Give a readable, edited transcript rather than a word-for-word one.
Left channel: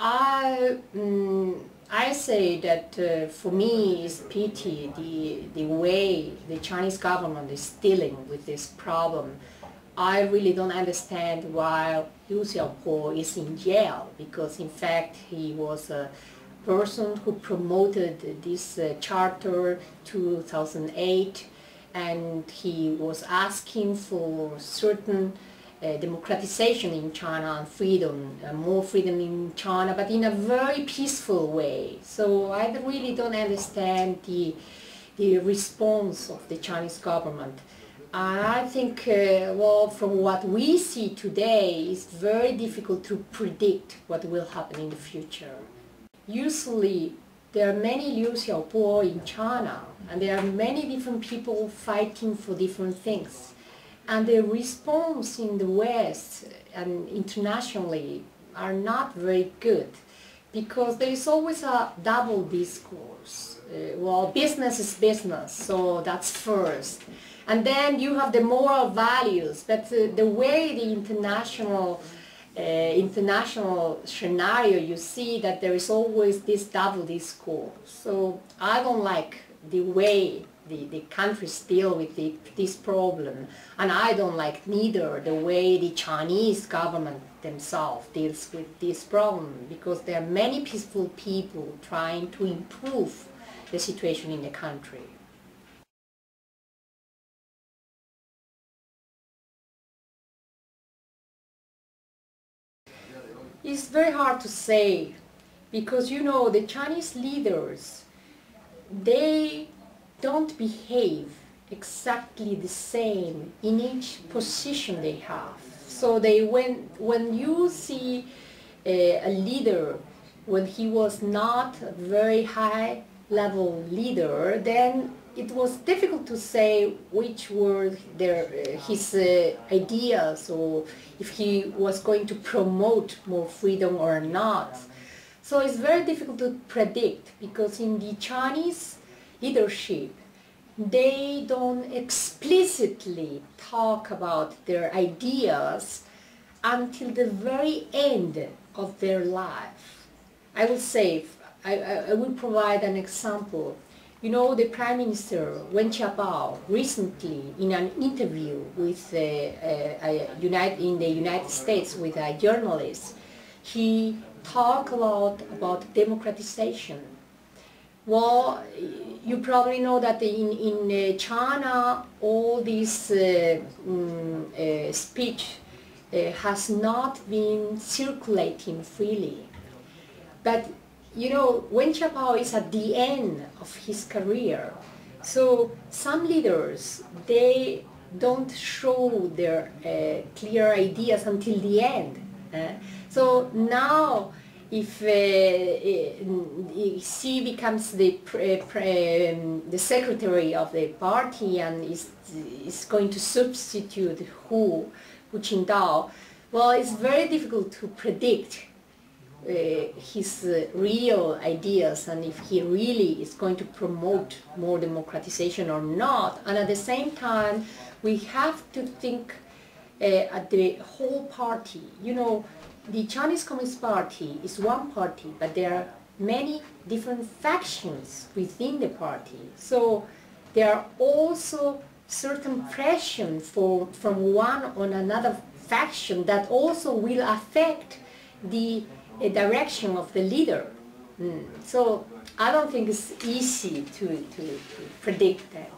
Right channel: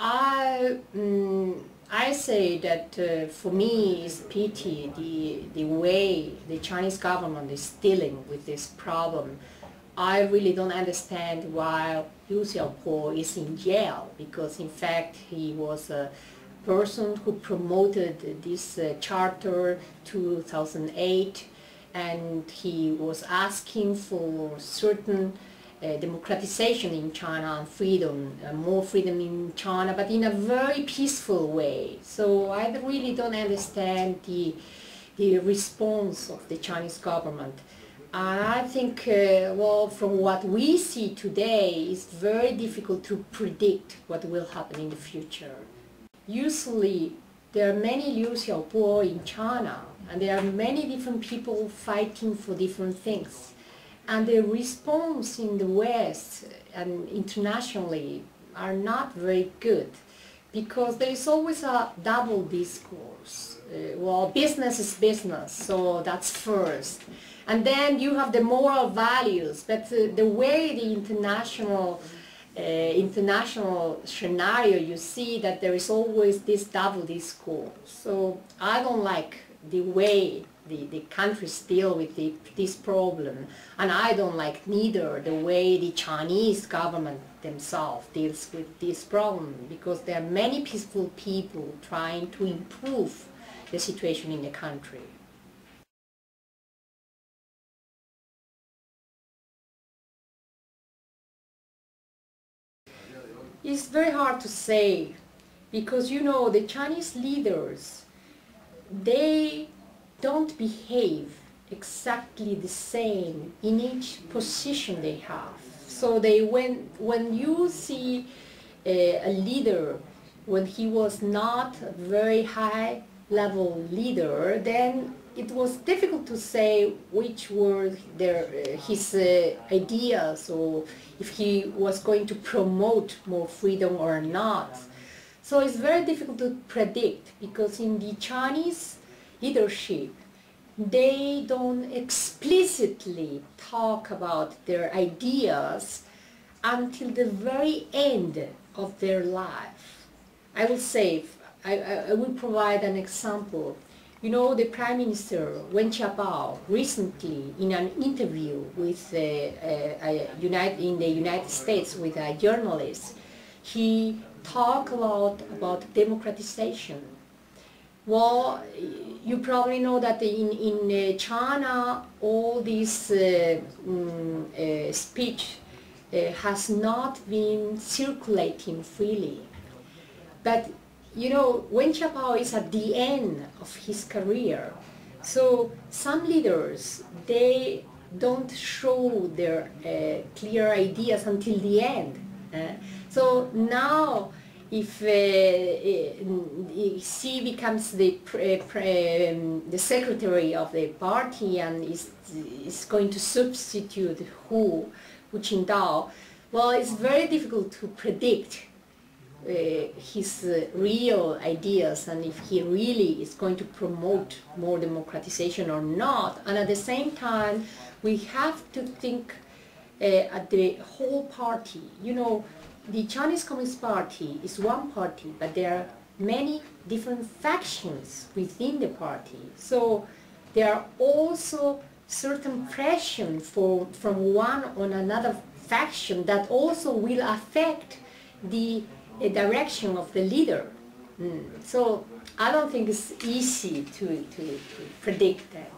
I say that for me it's pity the way the Chinese government is dealing with this problem. I really don't understand why Liu Xiaobo is in jail, because in fact he was a person who promoted this charter 2008, and he was asking for certain democratization in China and freedom, more freedom in China, but in a very peaceful way. So I really don't understand the response of the Chinese government. And I think, well, from what we see today, it's very difficult to predict what will happen in the future. Usually, there are many Liu Xiaobo in China, and there are many different people fighting for different things. And the response in the West and internationally are not very good, because there is always a double discourse. Well, business is business, so that's first. And then you have the moral values, but the way the international scenario, you see that there is always this double discourse. So I don't like the way the countries deal with this problem, and I don't like neither the way the Chinese government themselves deals with this problem, because there are many peaceful people trying to improve the situation in the country. It's very hard to say, because you know the Chinese leaders, they don't behave exactly the same in each position they have. So when you see a leader, when he was not a very high level leader, then it was difficult to say which were his ideas, or if he was going to promote more freedom or not. So it's very difficult to predict, because in the Chinese leadership, they don't explicitly talk about their ideas until the very end of their life. I will say, I will provide an example. You know, the Prime Minister Liu Xiaobo recently, in an interview with in the United States with a journalist, he talked a lot about democratization. Well, you probably know that in China, all this speech has not been circulating freely. But you know, Liu Xiaobo is at the end of his career. So some leaders, they don't show their clear ideas until the end. So now, if he becomes the secretary of the party and is going to substitute Hu Jintao, well, it's very difficult to predict his real ideas, and if he really is going to promote more democratization or not. And at the same time, we have to think at the whole party. You know, the Chinese Communist Party is one party, but there are many different factions within the party. So there are also certain pressure from one on another faction that also will affect the direction of the leader. So I don't think it's easy to predict that.